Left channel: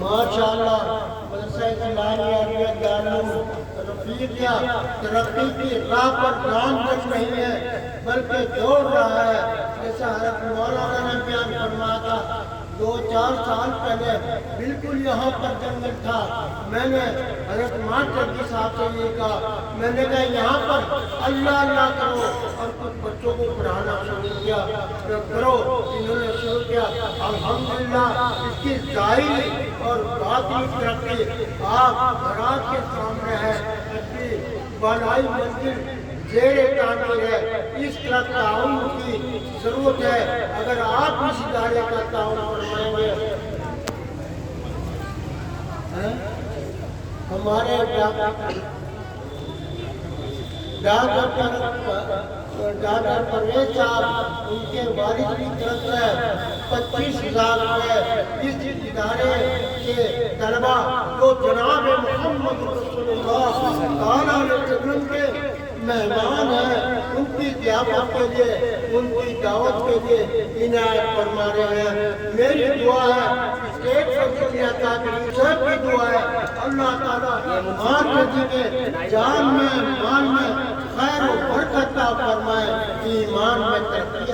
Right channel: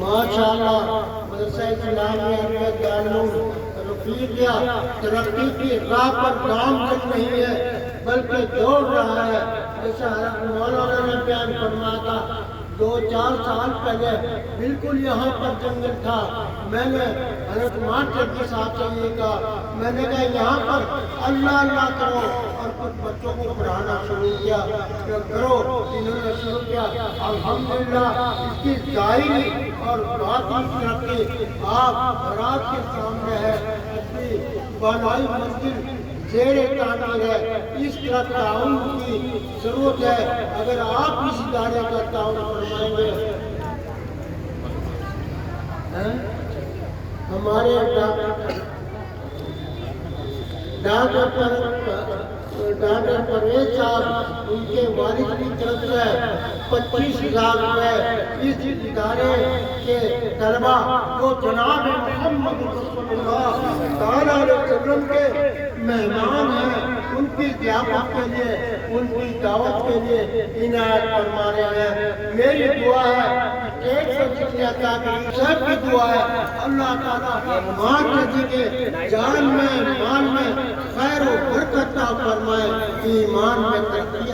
माशाअल्लाह मदरसा इस्लामिया के दारुल रफीकिया तरक्की की राह पर नामजद नहीं है बल्कि दौड़ रहा है। जैसा हज़रत मौलाना ने बयान फरमाया था 2-4 साल पहले बिल्कुल यहाँ पर जंगल था। मैंने हज़रत मास्टर साहब से ये कहा, मैंने कहा यहाँ पर अल्लाह अल्लाह करो और कुछ बच्चों को पढ़ाना शुरू किया तो करो। इन्होंने शुरू किया, अल्हम्दुलिल्लाह इसकी ज़ाहिरी और बातिनी तरक्की आप रात के सामने है। अच्छी बनाई मंजिल ज़ेरे तामीर है। इस तरह ताउन की ज़रूरत है। अगर आप इस इदारे का ताउन फरमाएंगे, हमारे डॉक्टर परवेज साहब उनके वालिद की तरफ से 25,000 रुपये इस इदारे के तलबा को जनाब मोहम्मद रसूलुल्लाह सल्लल्लाहु अलैहि वसल्लम के मेहमान हैं उनकी ज़ियाफत के लिए, उनकी दावत के लिए इनायत फरमा रहे हैं। मेरी दुआ है सबकी दुआ है अल्लाह ताला माँ के जान में ईमान में खैर और बरकत फरमाए, ईमान में तरक्की